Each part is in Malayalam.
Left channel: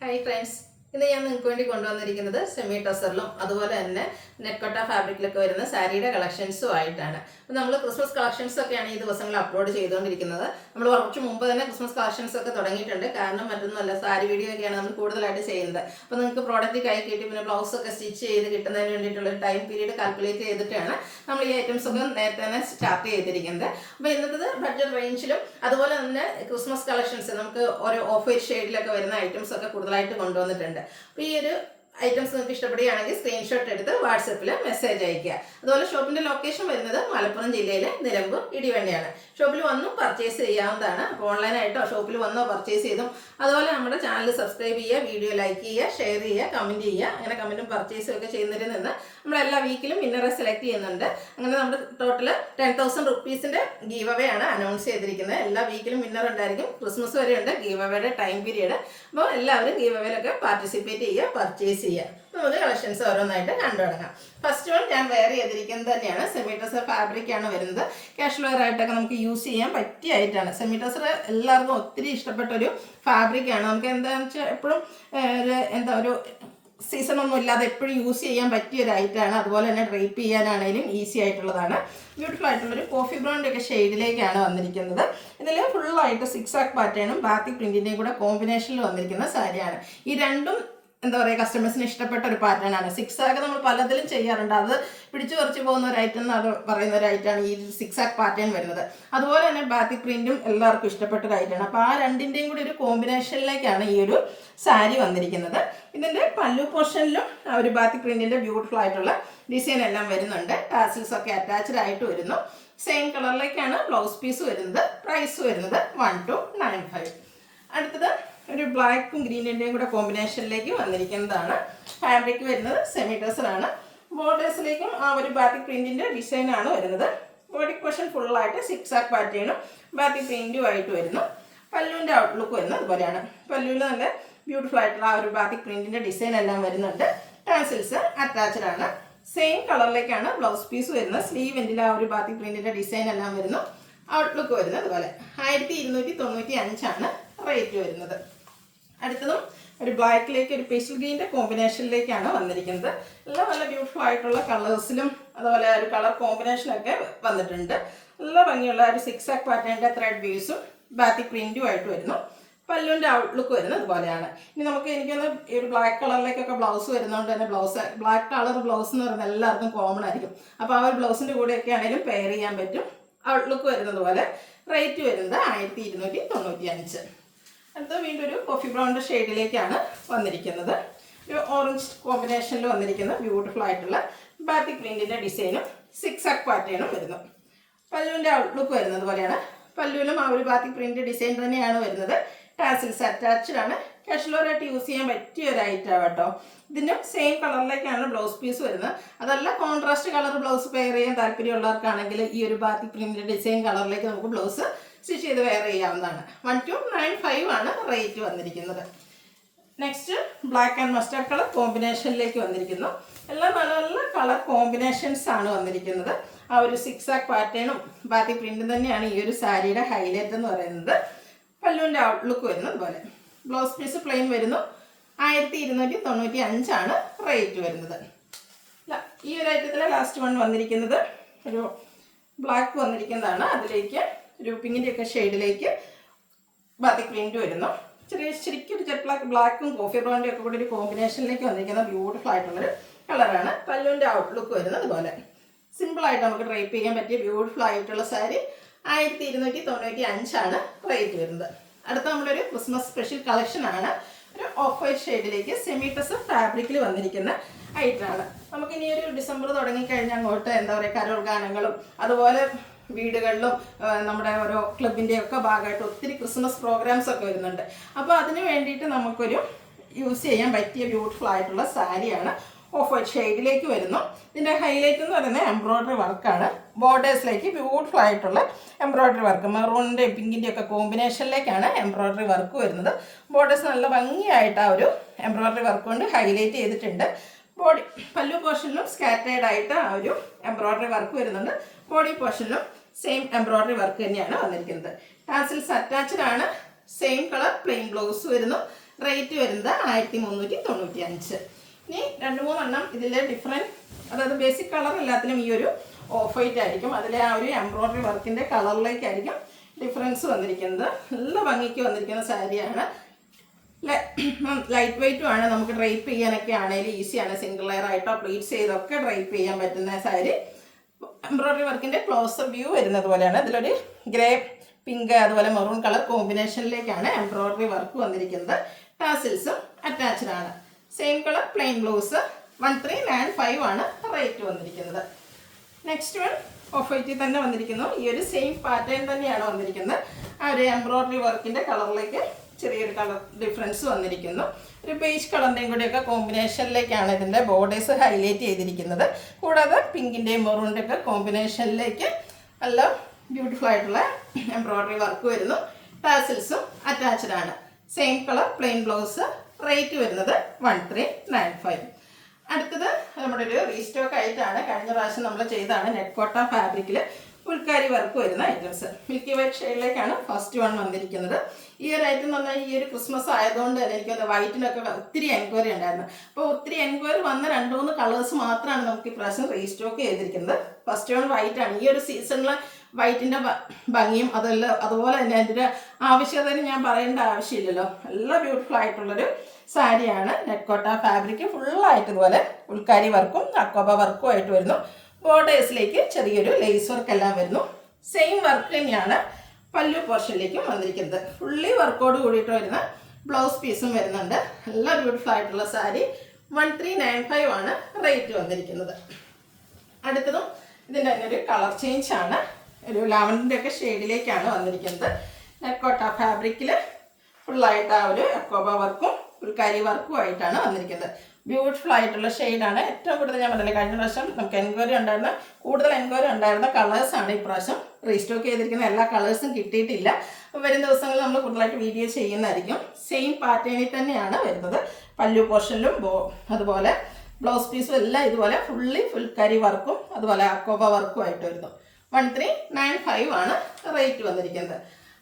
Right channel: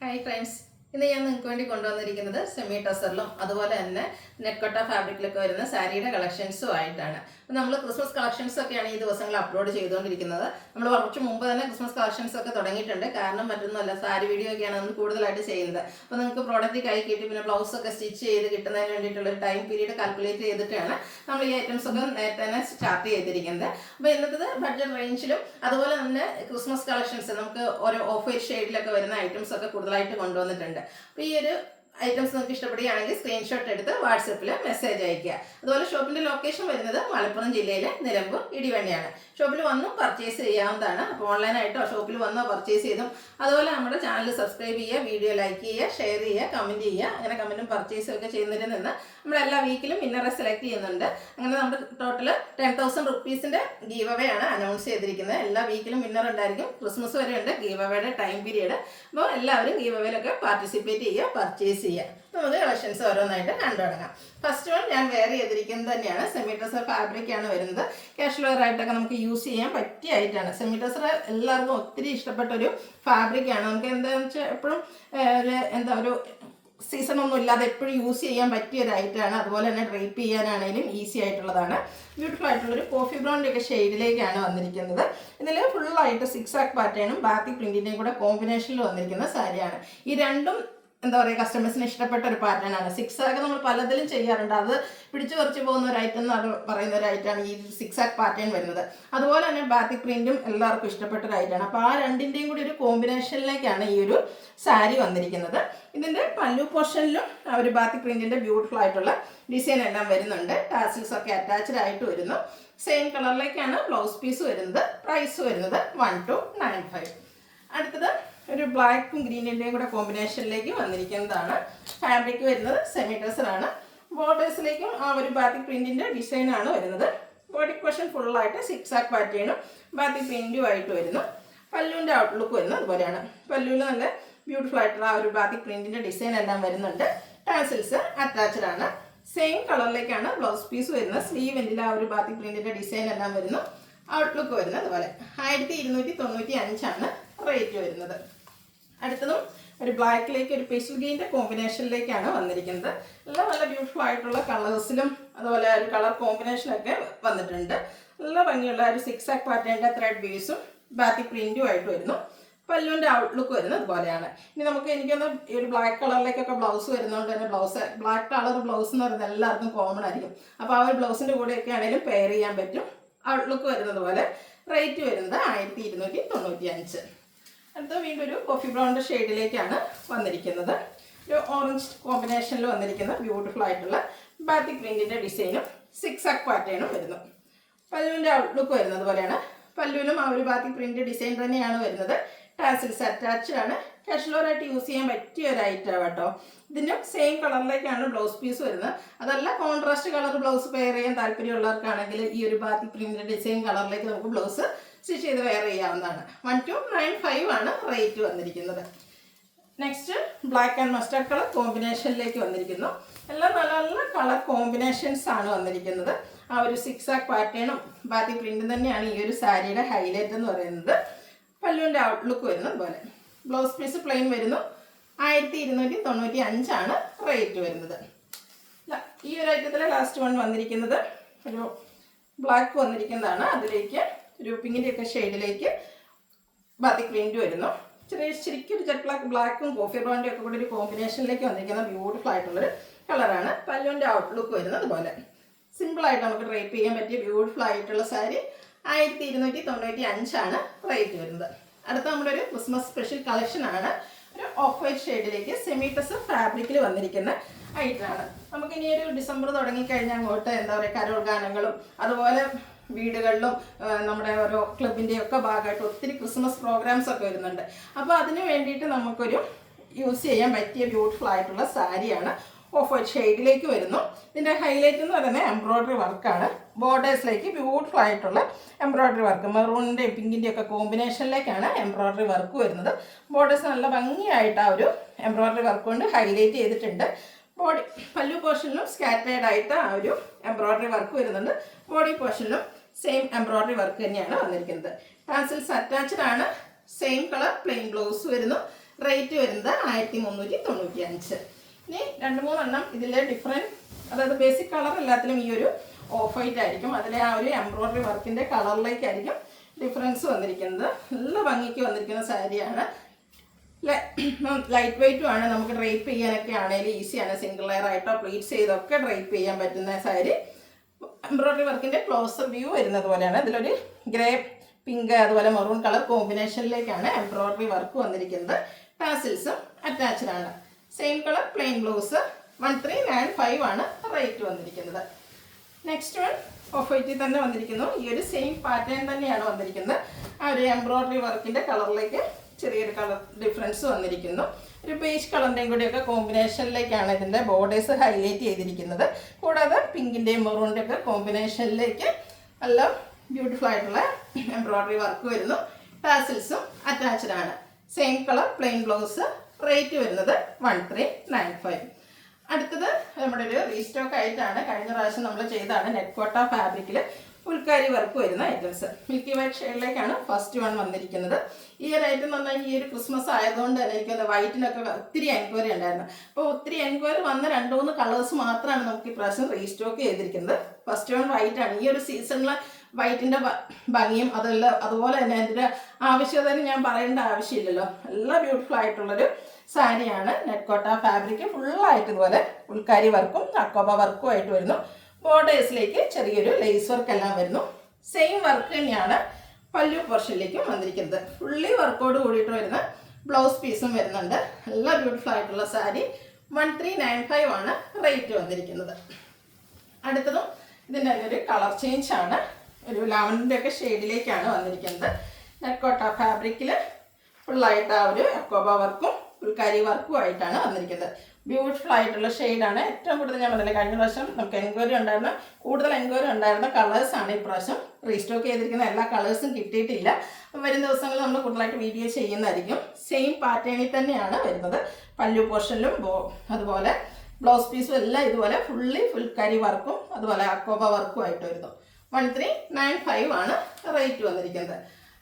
ഹായ് ഫ്രണ്ട്സ്, ഇന്ന് ഞാൻ നിങ്ങൾക്ക് വേണ്ടി കൊണ്ടുവന്നിരിക്കുന്നത് സെമി ടസറിലും അതുപോലെ തന്നെ നെക്കോട്ട ഫാബ്രിക്കിലൊക്കെ വരുന്ന സാരിയുടെ കളക്ഷൻസും ആയിട്ടാണ്. അപ്പോൾ നമ്മൾ ക്രിസ്മസ് കളക്ഷൻസ് ഒക്കെയാണ് ഈ ദിവസങ്ങളിൽ അപ്ലോഡ് ചെയ്തുകൊണ്ടിരിക്കുന്നത്. നമ്മൾ കുറച്ച് മുമ്പ് തന്നെ ക്രിസ്മസ് കളക്ഷൻസ് ഒക്കെ തുടങ്ങിയിട്ടുണ്ട്. കാരണം മറ്റൊന്നുമല്ല, സാരി വീഡിയോ ഒക്കെയാണ് നമ്മൾ കൂടുതലായിട്ട് ചെയ്യുന്നത്. അപ്പോൾ നിങ്ങൾക്ക് പ്രോഡക്റ്റ് കൈ കിട്ടി പിന്നെ ബ്ലൗസ് ഒക്കെ സ്റ്റിച്ച് ചെയ്ത് കിട്ടുന്നതിന് വേണ്ടിയിട്ടുള്ള ഒരു ടൈം പീരീഡ് കാൽക്കുലേറ്റ് ചെയ്തിട്ടാണ് നമ്മൾ ഈ ഐറ്റംസ് ഒക്കെ നേരത്തെ തന്നെ സ്റ്റാർട്ട് ചെയ്തിരിക്കുന്നത്. അപ്പോൾ ഇന്നത്തെ ബഡ്ജറ്റ് റേഞ്ചിലും അതുപോലെ തന്നെ ക്രിസ്മസ് കളക്ഷൻസ് നമുക്ക് ഓരോ ഓഫ് വൈറ്റ് ഷെയ്ഡിലൊക്കെ വരുന്ന ഐറ്റംസ് ഒക്കെ കൂടുതലായിട്ട് കൊണ്ടുവന്നിട്ടുണ്ട്. അപ്പോൾ ഈ ഒരു ഐറ്റംസ് നിങ്ങൾക്ക് ഇഷ്ടപ്പെടുകയാണെങ്കിൽ സ്ക്രീൻഷോട്ട് എടുത്ത് വാട്സപ്പിൽ മെസ്സേജ് അയയ്ക്കുക. അതുപോലെ ഷോപ്പിൻ്റെ ലൊക്കേഷൻ വരുന്നത് മലപ്പുറം ജില്ലയിലെ നിലമ്പൂർ ഇടിവണ്ടിയാണ്. ഷോപ്പിൽ വന്നും പർച്ചേസ് ചെയ്യാവുന്നതാണ്. അപ്പോൾ ഓൺലൈനായിട്ടോ ഷോപ്പിൽ വന്നോ പർച്ചേസ് ചെയ്തും അതുപോലെ നമ്മുടെ ചാനൽ സബ്സ്ക്രൈബ് ചെയ്യുക, വീഡിയോ ലൈക്ക് ചെയ്യുക, ഷെയർ ചെയ്യുക, കമൻറ്റ് ചെയ്യുക. അങ്ങനെ കമൻറ്റും പർച്ചേസും ഒക്കെ ചെയ്യുന്നതിൽ നിന്ന് നമ്മൾ എല്ലാ വീക്കിലും വിന്നറെ സെലക്ട് ചെയ്യുന്നുണ്ട്. അങ്ങനെ നമ്മുടെ ടോട്ടൽ 10,000 റുപ്പീസിൻ്റെ ഗീവ് അവേ ആണ് അനൗൺസ് ചെയ്തിരിക്കുന്നത്. എല്ലാ വീക്കിലും വിന്നർ ഉണ്ടായിരിക്കും. ക്രിസ്മസ് വരെ ഉണ്ട് ഗീവ് അവയുടെ ടൈം പീരീഡ്. അപ്പോൾ എല്ലാവരും ഗീവ് അവേയിലൊക്കെ പാർട്ടിസിപ്പേറ്റ് ചെയ്യുക, പർച്ചേസ് ചെയ്യുക. നമുക്ക് കളക്ഷൻസ് ഓരോന്നായിട്ട് കണ്ടു തുടങ്ങാം. ഫസ്റ്റ് വൺ ഞാൻ വെയർ ചെയ്തിരിക്കുന്നത് തന്നെയാണ്. സെമി ടസർ ഫാബ്രിക് ആണ് വരുന്നത്. ക്യാഷ് വെയർ ആയിട്ടൊക്കെ നമുക്ക് യൂസ് ചെയ്യാൻ പറ്റിയ ആയിട്ടാണ്. സെമി ടസർ എല്ലാവർക്കും ഒത്തിരി ഇഷ്ടപ്പെട്ട ഒരു ഫാബ്രിക് ആണ്. നമുക്ക് എന്താണെന്ന് വെച്ചാൽ എപ്പോഴും ഒരു സീസണൊന്നും ഇല്ലാതെ എപ്പോഴും യൂസ് ചെയ്യാൻ പറ്റിയ ഒരു ഐറ്റമാണ്. അതുപോലെ തന്നെ ഡ്രൈപ്പ് ചെയ്യാനാണെങ്കിലും ഈസി ആയിട്ടുള്ളതാണ്. ബ്യൂട്ടിഫുൾ ആയിട്ടുള്ളൊരു കോഫി ബ്രൗണിൻ്റെ ഒക്കെ ഷെയ്ഡിലേക്കാണ് വന്നിരിക്കുന്നത്. ഇതിൽ ഫുള്ളായിട്ട് സിക്സാക് പാറ്റേണും ബാത്തിക് പ്രിൻറ്റിൻ്റെയും കൂടെ കോമ്പിനേഷനിൽ വന്നിരിക്കുന്ന സാരിയാണ്. ഈ രണ്ടും കസ്റ്റമേഴ്സിന് ഇഷ്ടപ്പെട്ട ഒരു പാറ്റേൺ ആണ്. സിക്സാക്ക് നമ്മൾ പലതിലും ചെയ്യാറുണ്ട്. അത് പിടിച്ചു പറിച്ചു പോകുന്ന ഒരു ഐറ്റം എന്ന് പറയുന്ന ഒരു ഐറ്റമാണ് ഈ സിക്സാക്ക് പാറ്റേൺ വരുന്നത്. അതുപോലെ തന്നെ ബാത്തിക് പ്രിന്റും എല്ലാവർക്കും ഇഷ്ടപ്പെട്ട ഒരു ഐറ്റമാണ്. അപ്പോൾ ആ രണ്ടിൻ്റെയും കൂടി ഒരു കോമ്പിനേഷനിലേക്കാണ് ഈ ഒരു സാരി വന്നിരിക്കുന്നത്. ഇതിൻ്റെ പല്ലു പോർഷനിലും ആ ഒരു ബാത്തിക് പ്രിന്റിൻ്റെ ബ്യൂട്ടിഫുൾ ആയിട്ടുള്ള ഡിസൈൻ എല്ലാം വരുന്നുണ്ട്. ടാസിൽസ് ഒക്കെ അറ്റാച്ച്ഡ് ആയിട്ട് വരുന്നു. സെയിം കളറിലേക്കാണ് ബ്ലൗസ് പീസ് വരുന്നത്. പ്രൈസ് വരുന്നത് 1295. അടുത്തത് ഒരു ബ്ലാക്കും ഗ്രീനിൻ്റെയും കൂടെ കോമ്പിനേഷനിലേക്ക് വന്നിരിക്കുന്നതാണ്. ഫാബ്രിക് വരുന്നത് സെമി ടസറാണ്. ബോർഡേഴ്സിലേക്കും ആ ഒരു ബാത്തിക് പ്രിൻറ്റിൻ്റെ ഡിസൈനാണ് വരുന്നത്. ബോഡി പോർഷൻ ഫുള്ളായിട്ട് സിക്സാക് പാറ്റേണും ബാത്തിക് പ്രിൻറ്റും ആയിട്ട് വരുന്നു. പല്ലുവിൻ്റെ ഔട്ട്ലുക്ക് വരുന്നത് അതുപോലെയാണ്. പല്ലുവിൽ നല്ല ബ്യൂട്ടിഫുൾ ആയിട്ടുള്ള ആ ഒരു ബാത്തിക് പ്രിൻറ്റിൻ്റെ ഡിസൈൻ എല്ലാം വരുന്നുണ്ട്. ടാസിൽസ് അറ്റാച്ച്ഡ് ആണ്. സെയിം കളറിലേക്കാണ് ബ്ലൗസ് പീസ് വരുന്നത്. സ്ലീവ് എൻഡിൽ ആ ഒരു ബാത്തിക് പ്രിൻറ്റിൻ്റെ ഡിസൈൻ എല്ലാം വരുന്നു. ഔട്ട്ലുക്ക് വരുന്നത് അതുപോലെ 1295 റേറ്റ് വരുന്നത്. അടുത്തതും ഒരു ബ്ലാക്കിലേക്ക് ഒരു പേസ്റ്റൽ ഗ്രീൻ്റെ കോമ്പിനേഷനിലേക്കാണ് വന്നിരിക്കുന്നത്. എല്ലാം നല്ല ബ്യൂട്ടിഫുൾ ആയിട്ടുള്ള കളേഴ്സിലും അതുപോലെ ഒരു കളർ കോമ്പിനേഷനൊക്കെ വന്നിട്ടുണ്ട്. നല്ല ഭംഗിയുള്ള ഒരു സിക്സാക് പാറ്റേണിൻ്റെ ത്രെഡ് ബീസും ബാത്തിക് പ്രിൻറ്റും ആയിട്ട് വരുന്നു. പല്ലുവിൻ്റെ ഔട്ട്ലുക്ക് വരുന്നത് അതുപോലെയാണ്. ഇനി എനിക്കൊന്ന് ഈ ഒരു ബ്ലാക്ക് കളറിലേക്കൊക്കെ ബ്ലൗസ് വരുന്നതുകൊണ്ട് തന്നെ ബ്ലാക്ക് കളർ ബ്ലൗസ് എന്ന് പറയുന്നത് എല്ലാവർക്കും കോമൺ ആയിരിക്കും. അപ്പോൾ ആ ഒരു ബ്ലൗസിൻ്റെ കൂടെയൊക്കെ ആണെങ്കിലും പെയർ ചെയ്യാൻ പറ്റും. ഔട്ട്ലുക്ക് വരുന്നത് പോലെ. റേറ്റ് വരുന്നത് 1295. അടുത്ത വീണ്ടും ഒരു കോഫി ബ്രൗണിൻ്റെ ഷെയ്ഡിലേക്കാണ് വന്നിരിക്കുന്നത്. ഒരു ഓറഞ്ച് കോമ്പിനേഷനിൽ വന്നിരിക്കുന്ന ബ്യൂട്ടിഫുൾ ആയിട്ടുള്ള ബാത്തിക് പ്രിൻറ്റിൻ്റെ ഡിസൈനും സിക്സാക് പാറ്റേണും വരുന്നു. പല്ലുവിൻ്റെ ഔട്ട്ലുക്ക് വരുന്നത് പോലെയാണ്. പല്ലുവിലും ആ ഒരു ബാത്തിക് പ്രിൻറ്റ് ഡിസൈൻ തന്നെയാണ് വരുന്നത്. ടാസിൽസ് അറ്റാച്ച്ഡ് ആണ്. കാഷ്വലായിട്ട് യൂസ് ചെയ്യാൻ പറ്റിയ ഒരു ഐറ്റമാണ് കേട്ടോ. ഇതിനും സെയിം കളറിലേക്കാണ് ബ്ലൗസ് പീസ് വരുന്നത്. അതല്ല കോൺട്രാസ്റ്റ് കളർ ബ്ലൗസ് പെയർ ചെയ്യാൻ താല്പര്യമുള്ളവർക്കാണെങ്കിൽ ഈ ഒരു ബാത്തിക് പ്രിൻറ്റിൻ്റെ ഡിസൈൻ കളറിലേക്ക് നമുക്ക് ബ്ലൗസ് സ്റ്റിച്ച് ചെയ്ത് വെയർ ചെയ്യാവുന്നതാണ്. 1295 റേറ്റ് വന്നിരിക്കുന്നത്. Next black and mustard colour കോമ്പിനേഷനിലേക്ക് വന്നിരിക്കുന്നു. എല്ലാം നല്ല നല്ല കളർ കോമ്പിനേഷൻസ് ആണ് വന്നിരിക്കുന്നത്. ആ ഒരു സിക്സാക് പാറ്റേണും ബാത്തിക് പ്രിൻറ്റും തന്നെയാണ് ഈ ഒരു സാരിയുടെ ഹൈലൈറ്റ് എന്ന് പറയുന്നത്. പല്ലുവിൻ്റെ ഔട്ട്ലുക്ക് വരുന്നത് അതുപോലെ. ബ്ലൗസ് പീസ് പ്ലെയിൻ വരുന്നു. 1295 റേറ്റ് വരുന്നത്. ഈ ഒരു ഐറ്റത്തിലെ ലാസ്റ്റ് വൺ വന്നിരിക്കുന്നത് ഒരു ബ്ലാക്ക് വന്നിരിക്കുന്നതാണ്. അതിലേക്ക് ഒരു പിങ്കിൻ്റെ ഒക്കെ ഷെയ്ഡിലേക്ക് ബാത്തിക് പ്രിൻറ്റ് വരുന്നു. ശരിക്കും ജെറ്റ് ബ്ലാക്കും കോഫി ബ്രൗണിൻ്റെ ഒക്കെ കൂടി ഒരു കോമ്പിനേഷനിലേക്ക് വന്നിരിക്കുന്ന ബ്യൂട്ടിഫുൾ ആയിട്ടുള്ളൊരു കളറാണ്. പല്ലുവിൻ്റെ ഔട്ട്ലുക്ക് വരുന്നത് അതുപോലെ. സിമ്പിളായിട്ട് നമുക്ക് ഡ്രൈപ്പ് ചെയ്യാൻ പറ്റിയ ബ്യൂട്ടിഫുൾ ആയിട്ടുള്ള സാരി 1295 റേറ്റ് വരുന്നത്. അടുത്ത നമ്മളൊരു ക്രിസ്മസ് സ്പെഷ്യൽ കളക്ഷനാണ്. ഒരു ഓഫ് വൈറ്റ് ഷെയ്ഡിലേക്ക് സെമി ടസർ ഫാബ്രിക്കിൽ വന്നിരിക്കുന്ന ഐറ്റമാണ്. നമുക്കിനി ഒരു ഡിസംബർ തുടങ്ങിക്കഴിഞ്ഞാൽ അങ്ങോട്ട് കരോൾ ഗാനങ്ങളും അതുപോലെ വീടുകളിലും നമ്മുടെ ഓരോ ക്ലബിൻ്റെയും ഒക്കെ ഭാഗമായിട്ട് ഒത്തിരി ക്രിസ്മസ് പ്രോഗ്രാംസ് ഒക്കെ വരുന്നുണ്ട്. അപ്പോൾ അതിന് വേണ്ടിയിട്ട് നമുക്കൊരു യൂസ് ചെയ്യാൻ പറ്റിയ ബ്യൂട്ടിഫുൾ ആയിട്ടുള്ള സാരിയാണ്. ഓഫ് വൈറ്റ് ഷെയ്ഡിലേക്ക് വരുന്നു. ഇതിൻ്റെ ഹൈലൈറ്റ് എന്ന് പറയുന്നത് എംബ്രോയ്ഡറി വർക്കാണ്. ബോർഡേഴ്സിലേക്ക് ബ്യൂട്ടിഫുൾ ആയിട്ടുള്ള എംബ്രോയ്ഡറി വർക്ക് മെറൂണിൻ്റെയും പിങ്കിൻ്റെയും ഒക്കെ കോമ്പിനേഷനിലേക്കാണ് എംബ്രോയ്ഡറി വർക്ക് വരുന്നത്. ബോർഡേഴ്സ് നല്ല ഭംഗിയായിട്ട് ആ ഒരു എംബ്രോയ്ഡറി വർക്ക് കൊണ്ട് ഹൈലൈറ്റ് ചെയ്തിട്ടുണ്ട്. പല്ലു പോർഷനിലും സ്കാറ്റേഡ് ആയിട്ട് ആ ഒരു എംബ്രോയ്ഡറി വർക്ക് വരുന്നുണ്ട്. ബോഡി പോർഷനിലും സെയിം എംബ്രോയ്ഡറി വർക്ക് തന്നെയാണ് വന്നിരിക്കുന്നത്. ടാസിൽസ് അറ്റാച്ച്ഡ് ആണ്. സെയിം കളർ പ്ലെയിൻ ബ്ലൗസ് വരുന്നു. റേറ്റ് വരുന്നത് 1395. ഇനി 2-3 ഇതിലെ ഡിഫറെൻറ്റ്, അതായത് ബേസിക് കളർ എല്ലാത്തിനും ഈ ഒരു ഓഫ് വൈറ്റ് ആയിരിക്കും. അതിലെ ആ ഒരു എംബ്രോയ്ഡറി വർക്കിൻ്റെ കളറിലേക്കായിരിക്കും ഡിഫറൻസ് വന്നിരിക്കുന്നത്. നല്ല ഭംഗിക്ക് വന്നിരിക്കുന്ന സാരിയാണ്. ലൈറ്റ് വെയ്റ്റും ആണ്. നമുക്ക് ഡ്രൈപ്പ് ചെയ്യാനൊക്കെ ആണെങ്കിലും ഈസിയാണ്. സിംഗിൾ ലെയർ ആയിട്ടോ പ്ലീറ്റ്സ് ചെയ്തൊക്കെ ഡ്രൈപ്പ് ചെയ്യാൻ പറ്റുന്ന സാരി. എംബ്രോയ്ഡറി വർക്കിൻ്റെ ക്ലോസർ വ്യൂ വരുന്നത് പോലെയാണ്. ഇതിലൊരു ഗ്രേ, പിങ്ക്, അതുപോലെ മെറൂൺ കളർ കോമ്പിനേഷനിലേക്കാണ് എംബ്രോയ്ഡറി വർക്ക് വന്നിരിക്കുന്നത്. ടാസിൽസും അറ്റാച്ച്ഡ് ആണ്. Same colour plain blouse. 1395 ആണ് റേറ്റ് വന്നിരിക്കുന്നത്. നെക്സ്റ്റ് വൺ ഓഫ് വൈറ്റിൽ തന്നെ വന്നിരിക്കുന്നു. ഈ ഒരു സെയിം പാറ്റേൺ തന്നെയാണ് വന്നിരിക്കുന്നത്. ആ ഒരു എംബ്രോയ്ഡറി വർക്കിൻ്റെ കളറിലേക്ക് ചെറിയൊരു കളർ ഡിഫറൻസ് വന്നിരിക്കുന്നു. ഒരു ബേജ് കളറിൻ്റെയും കൂടിയൊക്കെ കോമ്പിനേഷനിലേക്കാണ് ഇതിൻ്റെ ബോർഡേഴ്സ് ഹൈലൈറ്റ് ചെയ്തിരിക്കുന്നത്. കൂടാതെ പിങ്കിൻ്റെയും മെറൂണിൻ്റെ ഒക്കെ കോമ്പിനേഷനിലേക്ക് നല്ല ബ്യൂട്ടിഫുൾ ആയിട്ടുള്ള എംബ്രോയ്ഡറി വർക്ക് വരുന്നു. ടാസിൽസും അറ്റാച്ച്ഡ് ആണ്. Same colour plain blouse. Rate വരുന്നത് 1395. അടുത്തത് നമ്മുടെ ഒരു റീസ്റ്റോക്ക് ആയിട്ടാണ്. കഴിഞ്ഞ പ്രാവശ്യം നമ്മൾ ചെയ്താണ് നെറ്റ്കോട്ട ഫാബ്രിക്കിൽ ഫുൾക്കാരി വർക്ക് വരുന്ന ഐറ്റംസ്. മിൽക്കി വൈറ്റ് ഷെയ്ഡിലേക്കാണ് ഫസ്റ്റ് വൺ വന്നിരിക്കുന്നത്. ഈ ഒരു ഐറ്റം എന്ന് പറഞ്ഞാൽ ഈ ഒരു ക്രിസ്മസ് ആയതുകൊണ്ട് തന്നെ എനിക്ക് വൈറ്റിലൊക്കെ ഒത്തിരി എൻക്വയറി ഉണ്ടായിരുന്നു. അപ്പോൾ ഒത്തിരി എൻക്വയറി വന്ന 2-3 കളേഴ്സ് മാത്രമാണ് നമുക്ക് ഇപ്രാവശ്യം റീസ്റ്റോക്ക് ചെയ്തിരിക്കുന്നത്. ഫസ്റ്റ് വൺ വൈറ്റ് ആണ്. ഈ ഒരു സീസണിൽ വൈറ്റിൻ്റെ ഭംഗിയും അതുപോലെ തന്നെ അതിൻ്റെ ആവശ്യകതയും ഞാൻ പറയേണ്ട ആവശ്യമില്ലല്ലോ. നല്ല ബ്യൂട്ടിഫുൾ ആയിട്ടുള്ളൊരു സാരിയാണ്. നെറ്റ്കോട്ട ഫാബ്രിക് ഫുള്ളായിട്ട് ഇതുപോലെ ഉൾക്കാരി വർക്കും അക്കോബ വർക്കും ആയിട്ട് വരുന്നു. ബോർഡേഴ്സിലേക്ക് ചെറിയൊരു ലേസ് വർക്ക് എല്ലാം വരുന്നു. സെയിം വർക്ക് തന്നെയാണ് പല്ലു പോർഷനിലേക്കും വന്നിരിക്കുന്നത്. ഫുള്ളി വർക്കോട് കൂടിയിട്ട് വരുന്ന ബ്ലൗസ് പീസും വരുന്നുണ്ട്. നല്ല ബ്യൂട്ടിഫുൾ ആയിട്ടുള്ള സാരി. 1395 ആണ് റേറ്റ് വന്നിരിക്കുന്നത്. അടുത്തതും ഇതിൻ്റെ തന്നെ ഒരു കളർ ചേഞ്ച് ആണ്. ഒരു ലാവൻഡറിൻ്റെ ഒക്കെ ഷെയ്ഡിലേക്കാണ് വന്നിരിക്കുന്നത്. നെറ്റ്കോട്ട ഫാബ്രിക്കിൽ ഫുള്ളായിട്ട് ആ ഒരു അക്കോബ വർക്കും ഫുൾക്കാരി വർക്കും ആയിട്ടാണ് വന്നിരിക്കുന്നത്. ബ്യൂട്ടിഫുൾ ആയിട്ടുള്ള ഷെയ്ഡാണ്. ഏറ്റവും കൂടുതൽ ഞാൻ പറഞ്ഞില്ല, കഴിഞ്ഞ പ്രാവശ്യം നമുക്ക് കൂടുതൽ എൻക്വയറി ഉണ്ടായിരുന്ന കളേഴ്സാണ് ഇപ്രാവശ്യം റീസ്റ്റോക്ക് ചെയ്തിരിക്കുന്ന. എല്ലാ കളേഴ്സും കിട്ടിയിട്ടില്ല. വരും ദിവസങ്ങളിൽ നമ്മൾ കൂടുതലായിട്ട് വീഡിയോ ചെയ്യുന്നതായിരിക്കും. സെയിം പാറ്റേണിൽ തന്നെയാണ് വരുന്നത്. പല്ലു പോർഷനിലും അതുപോലെ ബ്ലൗസ് പീസും എല്ലാം ഇതുപോലെ ഫുൾക്കാരി വർക്കും അതുപോലെ അക്കോബ വർക്കും ആയിട്ട് വരുന്നു. 1395 ആണ് റേറ്റ് വന്നിരിക്കുന്നത്.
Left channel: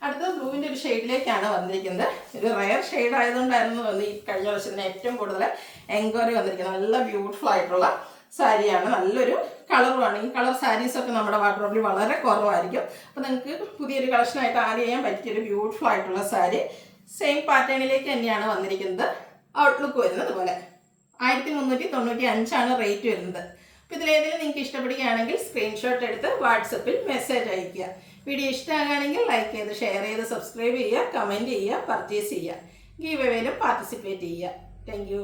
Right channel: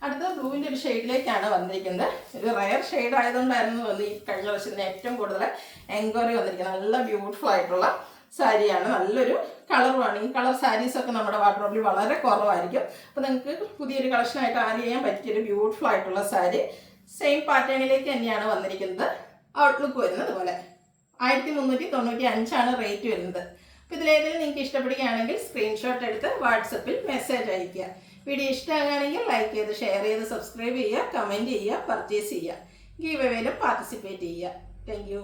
അടുത്തത് ബ്ലൂവിൻ്റെ ഒരു ഷെയ്ഡിലേക്കാണ് വന്നിരിക്കുന്നത്. ഒരു റയർ ഷെയ്ഡ് ആയതുകൊണ്ടായിരുന്നു ഈ കഴിഞ്ഞ വർഷത്തിന് ഏറ്റവും കൂടുതൽ എൻക്വയറി വന്നിരിക്കുന്നത്. നല്ല ബ്യൂട്ടിഫുൾ ആയിട്ടുള്ള സാരിയാണ്. നല്ലൊരു കളറുമാണ്. ഈ കളർ സാരീസൊക്കെ നമ്മുടെ വാർഡ്രോബിൽ വളരെ കുറവായിരിക്കും. അപ്പോൾ നിങ്ങൾക്ക് പുതിയൊരു കളക്ഷനായിട്ട് ആഡ് ചെയ്യാൻ പറ്റിയൊരു ബ്യൂട്ടിഫുൾ ആയിട്ടുള്ള സാരി. സെയിം പാറ്റേണിലേക്ക് തന്നെയാണ് വന്നിരിക്കുന്നത്. ഔട്ട്ലുക്ക് വരുന്നത് പോലെ 1395 ആണ് റേറ്റ് വരുന്നത്. അപ്പോൾ ഇതിലേതെങ്കിലും നിങ്ങൾക്ക് ഇഷ്ടപ്പെടുകയാണെങ്കിൽ സ്ക്രീൻഷോട്ട് എടുത്ത് വാട്സപ്പിൽ മെസ്സേജ് അയയ്ക്കുക. വീഡിയോ ഇഷ്ടമാകുകയാണെങ്കിൽ ലൈക്ക് ചെയ്ത് ഷെയർ ചെയ്ത് സബ്സ്ക്രൈബ് ചെയ്യുക, കമൻറ്റ് ചെയ്യുക, പർച്ചേസ് ചെയ്യുക. ഗീവ് അവേയിലും പാർട്ടിസിപ്പേറ്റ് ചെയ്യുക. Thank you.